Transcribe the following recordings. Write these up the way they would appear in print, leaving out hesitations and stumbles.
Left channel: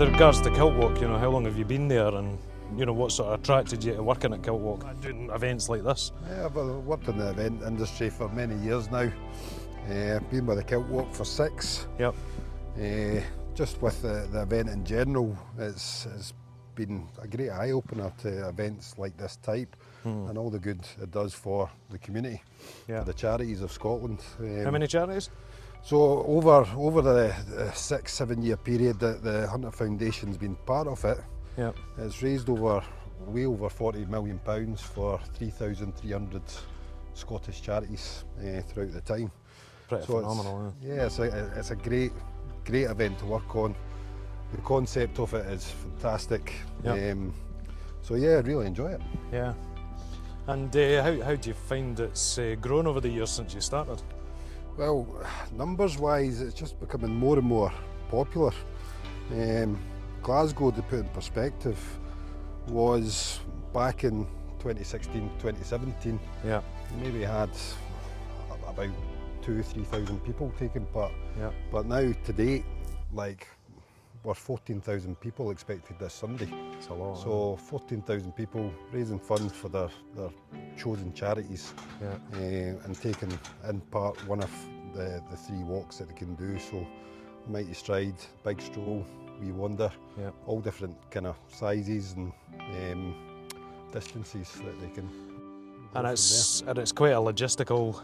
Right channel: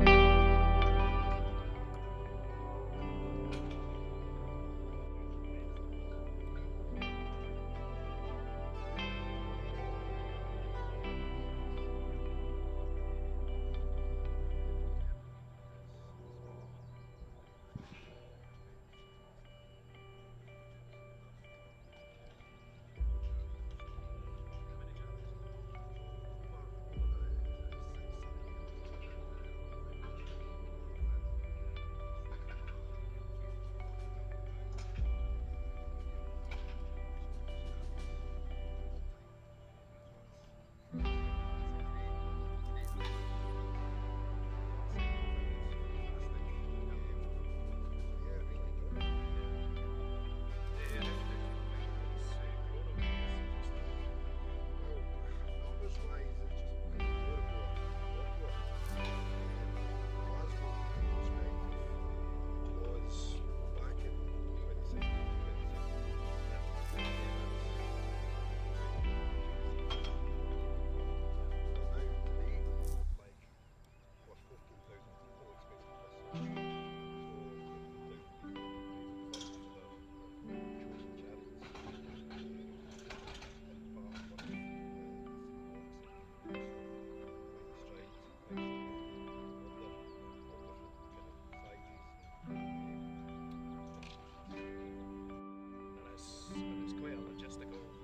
With regards to Kiltwalk, you know, how long have you been there, and you know, what sort of attracted you to working at Kiltwalk and doing events like this? Yeah, I've worked in the event industry for many years now. I've been with the Kiltwalk for 6. Yep. Just with the event in general, it's been a great eye-opener to events like this type and all the good it does for the community, Yeah. for the charities of Scotland. How many charities? So over the 6-7 year period that the Hunter Foundation's been part of it, Yeah. it's raised way over £40 million for 3,300 Scottish charities throughout the time. Pretty So phenomenal. Yeah, it's a great event to work on. The concept of it is fantastic. Yep. So yeah, I really enjoy it. Yeah. And how do you find it's grown over the years since you started? Well, numbers-wise, it's just becoming more and more popular. Glasgow, to put in perspective, was back in 2016, 2017. Yeah. Maybe we had about 2,000-3,000 people taking part. Yeah. But now, to date, like, we're 14,000 people expected this Sunday. It's a lot. So 14,000 people raising funds for their chosen charities, Yeah. and taking in part one of the 3 walks that they can do. So Mighty Stride, Big Stroll, Wee Wander, Yeah. all different kind of sizes and distances that they can. And it's quite a logistical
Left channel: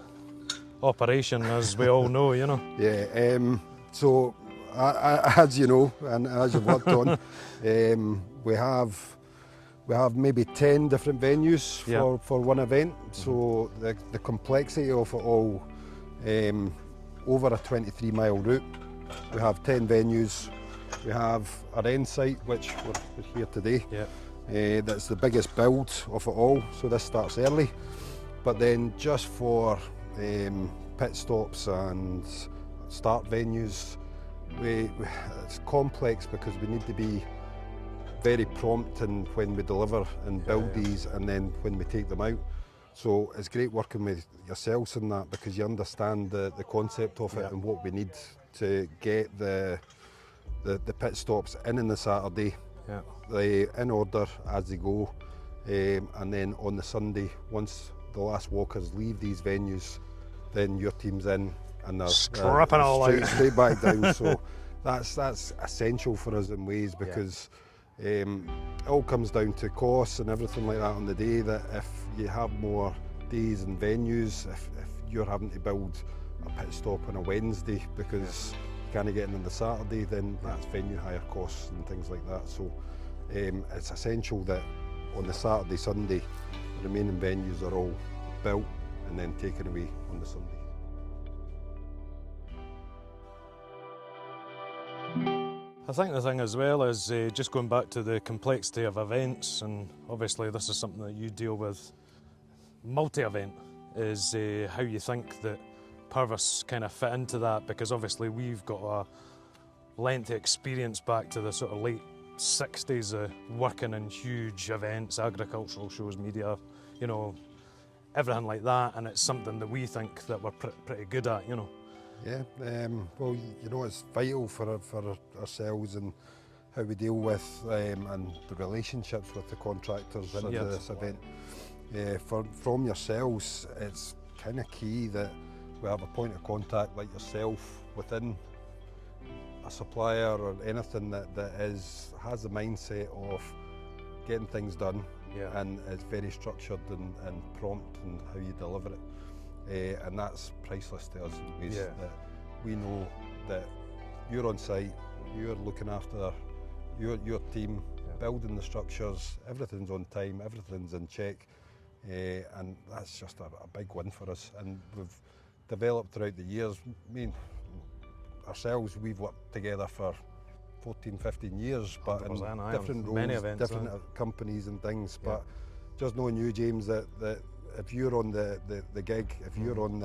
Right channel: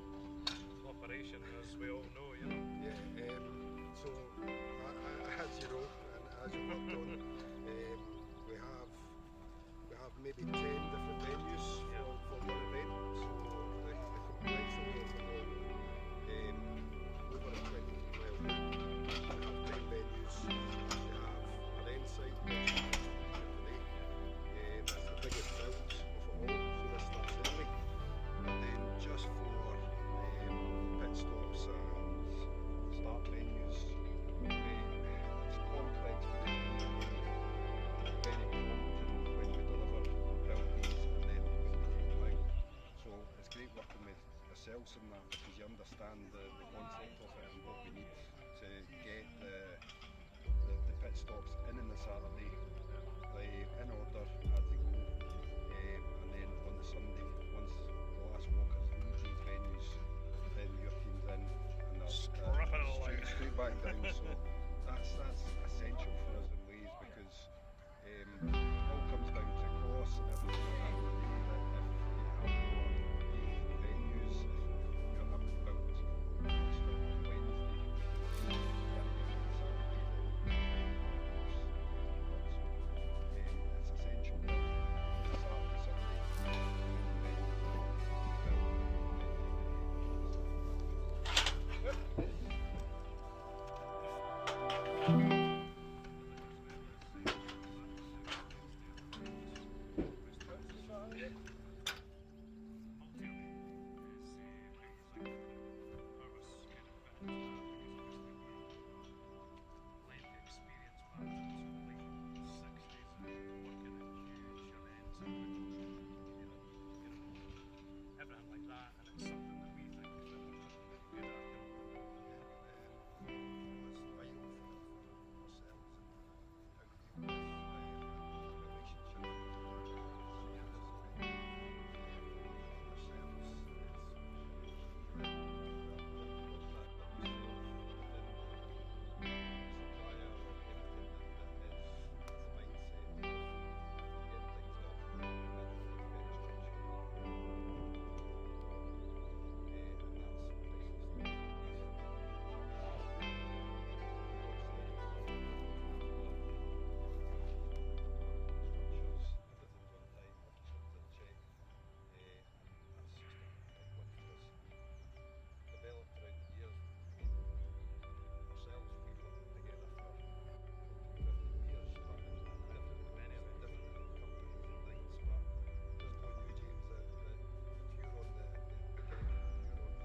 operation, as we all know, you know. Yeah. So as you know, and as you've worked on, we have maybe 10 different venues for one event. So the complexity of it all, over a 23-mile route, we have 10 venues. We have our end site, which we're here today. Yeah. That's the biggest build of it all. So this starts early, but then just for pit stops and start venues, it's complex because we need to be very prompt in when we deliver and build these, and then when we take them out. So it's great working with yourselves in that, because you understand the concept of it and what we need to get the pit stops in on the Saturday, in order as they go, and then on the Sunday, once the last walkers leave these venues, then your team's in and they're stripping all out. Straight back down. So that's essential for us in ways, because it all comes down to costs and everything like that on the day. That if you have more days and venues, if you're having to build a pit stop on a Wednesday because you can't get in on the Saturday, then that's venue hire costs and things like that. So it's essential that on the Saturday, Sunday, the remaining venues are all built and then taken away on the Sunday. I think the thing as well is just going back to the complexity of events, and obviously this is something that you deal with multi-event, is how you think that Purvis kind of fit into that, because obviously we've got a lengthy experience back to the sort of late 60s working in huge events, agricultural shows, media, you know, everything like that, and it's something that we think that we're pretty good at, you know. Yeah, well, you know, it's vital for ourselves and how we deal with and the relationships with the contractors into this event. From yourselves, it's kind of key that we have a point of contact like yourself within a supplier or anything that has the mindset of getting things done, and is very structured and prompt in how you deliver it. And that's priceless to us. we know that you're on site, you're looking after your team, building the structures, everything's on time, everything's in check, and that's just a big win for us. And we've developed throughout the years. Ourselves, we've worked together for 14, 15 years, but in different roles, events, different companies and things. But just knowing you, James, that if you're on the gig, if you're on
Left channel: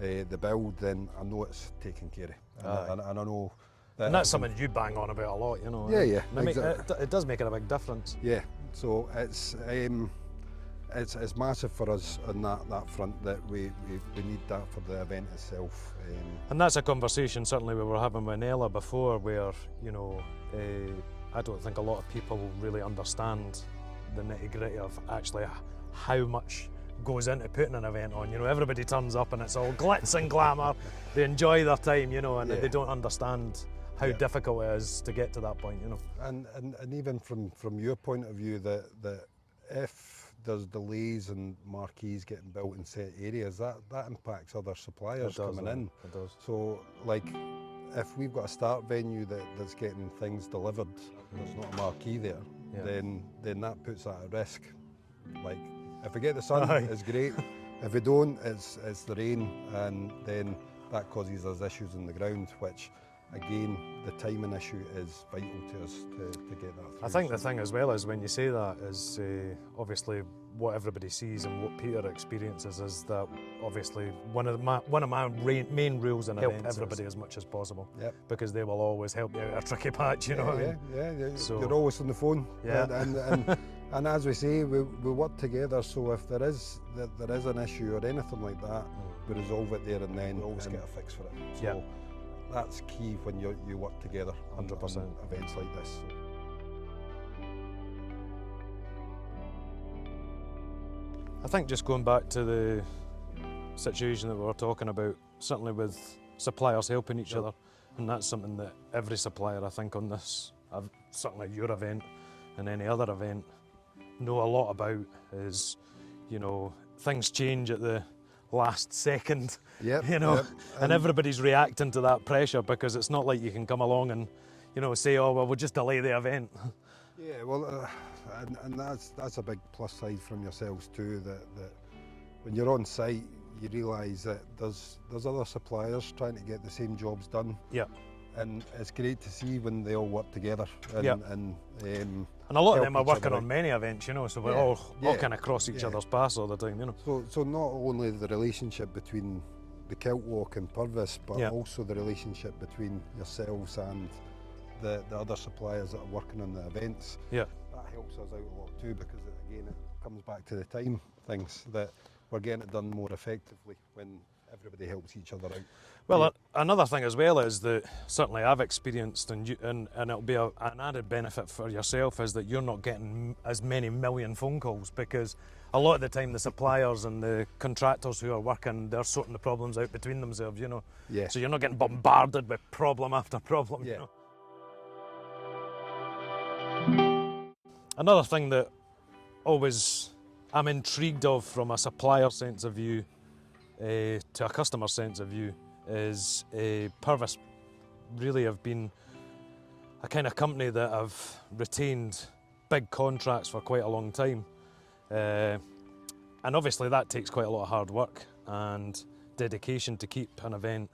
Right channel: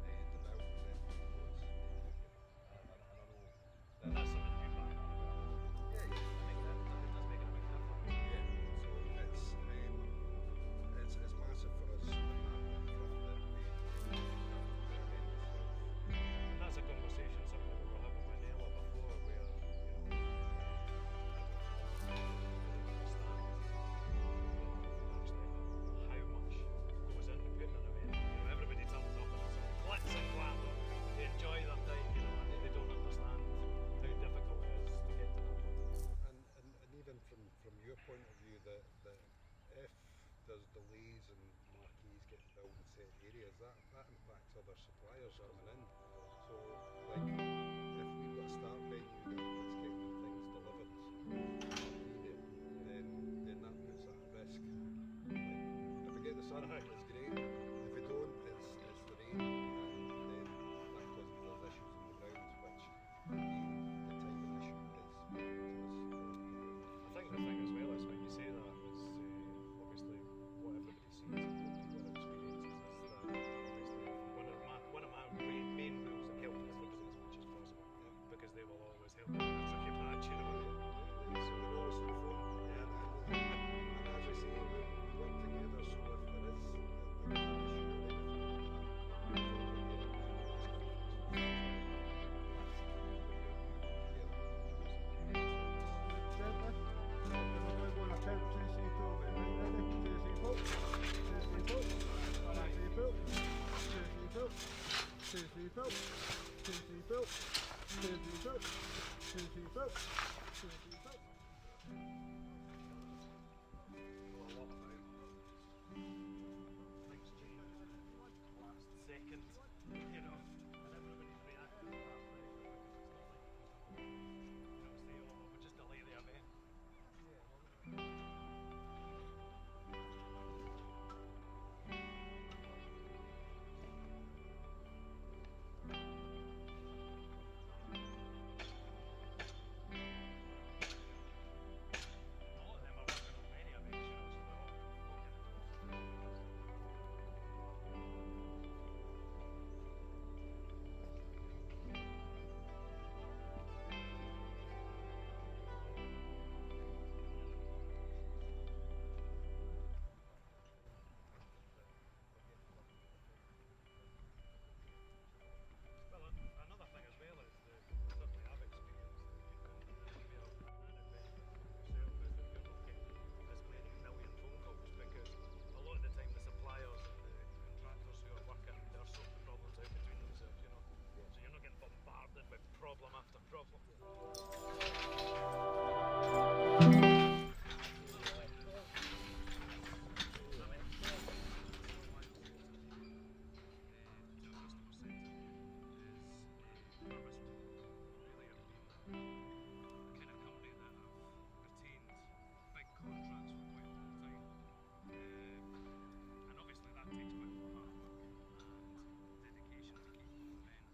the build, then I know it's taken care of. And I know that. And that's something you bang on about a lot, you know. Yeah, exactly. It does make it a big difference. Yeah, so it's massive for us on that front, that we need that for the event itself. And that's a conversation certainly we were having with Nella before, where, you know, I don't think a lot of people really understand the nitty-gritty of actually how much goes into putting an event on. You know, everybody turns up and it's all glitz and glamour. They enjoy their time, you know, and they don't understand how difficult it is to get to that point, you know. And even from your point of view, that if there's delays in Marquees getting built in set areas, that impacts other suppliers coming in. It does. So, like, if we've got a start venue that's getting things delivered, there's not a Marquee there, then that puts that at risk. Like, if we get the sun, it's great. If we don't, it's the rain, and then that causes us issues on the ground, which, again, the timing issue is vital to us to get that through. I think the thing as well is, when you say that, is obviously what everybody sees and what Peter experiences is that obviously one of my main rules in events, help everybody as much as possible, because they will always help you out a tricky patch, you know what I mean? Yeah. So, you're always on the phone, and as we say, we work together. So if there is an issue or anything like that, we resolve it there and then. Always get a fix for it. So that's key when you work together 100% events like this. I think just going back to the situation that we were talking about, certainly with suppliers helping each other, and that's something that every supplier, I think, on this, certainly your event and any other event, know a lot about, is, you know, things change at the last second, you know, and everybody's reacting to that pressure, because it's not like you can come along and, you know, say, oh, well, we'll just delay the event. Yeah, well, and that's a big plus side from yourselves too, that when you're on site, you realise that there's other suppliers trying to get the same jobs done. Yeah. And it's great to see when they all work together. And a lot of them are working on many events, you know, so we're all kind of cross each other's paths all the time, you know. So not only the relationship between the Kiltwalk and Purvis, but also the relationship between yourselves and the other suppliers that are working on the events. Yeah. That helps us out a lot too, because again, it comes back to the time things, that we're getting it done more effectively when everybody helps each other out. Well, another thing as well is that certainly I've experienced, and it'll be an added benefit for yourself, is that you're not getting as many million phone calls, because a lot of the time the suppliers and the contractors who are working, they're sorting the problems out between themselves, you know. Yeah. So you're not getting bombarded with problem after problem, you know. Another thing that always I'm intrigued of from a supplier sense of view to a customer sense of view is Purvis really have been a kind of company that have retained big contracts for quite a long time, and obviously that takes quite a lot of hard work and dedication to keep an event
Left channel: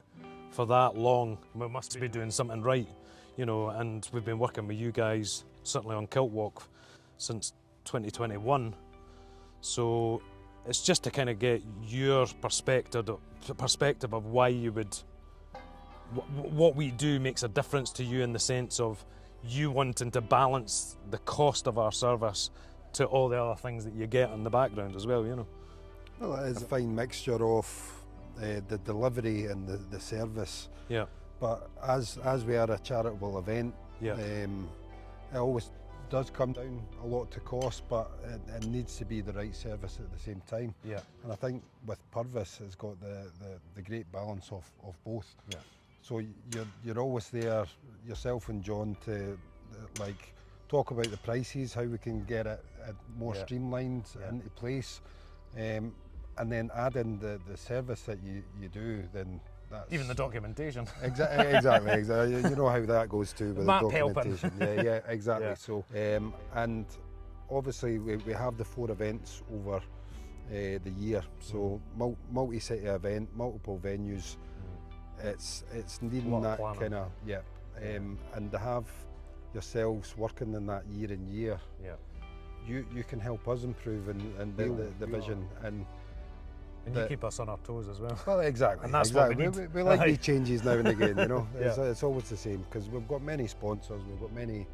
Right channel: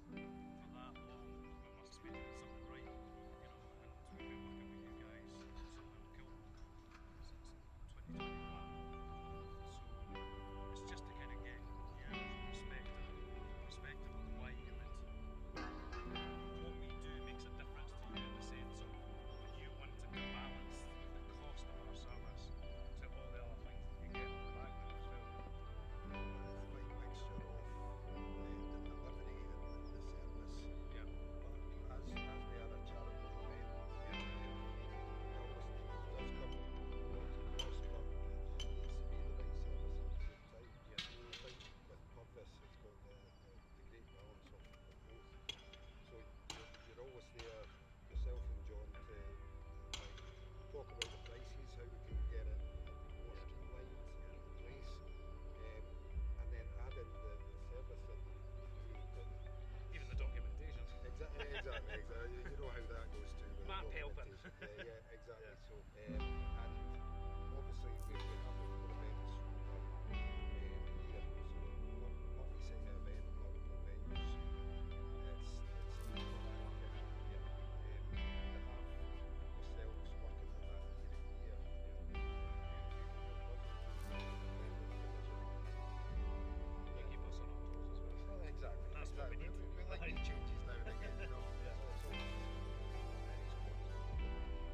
for that long. We must be doing something right, you know, and we've been working with you guys certainly on Kiltwalk since 2021, so it's just to kind of get your perspective of why you would, what we do makes a difference to you, in the sense of you wanting to balance the cost of our service to all the other things that you get in the background as well, you know. Well, it is a fine mixture of the delivery and the service. Yeah. But as we are a charitable event, it always does come down a lot to cost, but it needs to be the right service at the same time. Yeah. And I think with Purvis, it's got the great balance of both. Yeah. So you're always there, yourself and John, to like talk about the prices, how we can get it more streamlined into place. and then add in the service that you do, then that's... Even the documentation. Exactly. You know how that goes too with Map the helping. documentation. Yeah, exactly. Yeah. So, and obviously we have the 4 events over the year. So multi-city event, multiple venues. It's needing that kind of and to have yourselves working in that year in year. Yeah. You can help us improve and the vision and you keep us on our toes as well. Well, exactly. And that's exactly. what we need. We like these changes now and again, you know. Yeah. It's always the same because we've got many sponsors, we've got many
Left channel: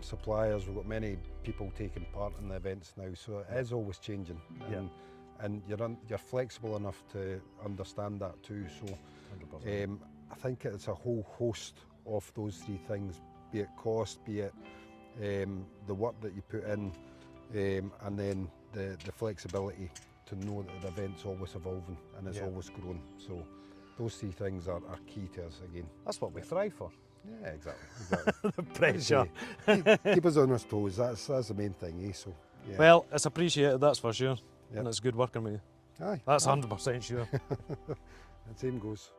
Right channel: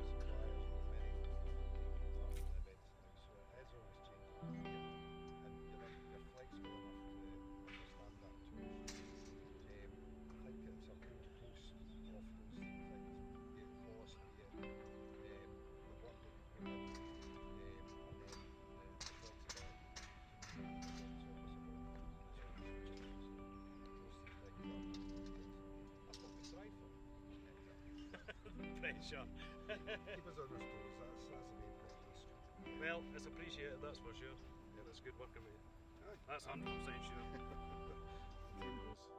suppliers, we've got many people taking part in the events now, so it is always changing. And you're flexible enough to understand that too. So I think it's a whole host of those 3 things, be it cost, be it the work that you put in, and then the flexibility to know that the event's always evolving and it's always growing. So those 3 things are key to us again. That's what we thrive for. Yeah, exactly. The pressure. Keep us on our toes, that's the main thing, eh? So, yeah. Well, it's appreciated, that's for sure. Yep. And it's good working with you. Aye. That's 100% sure. The same goes.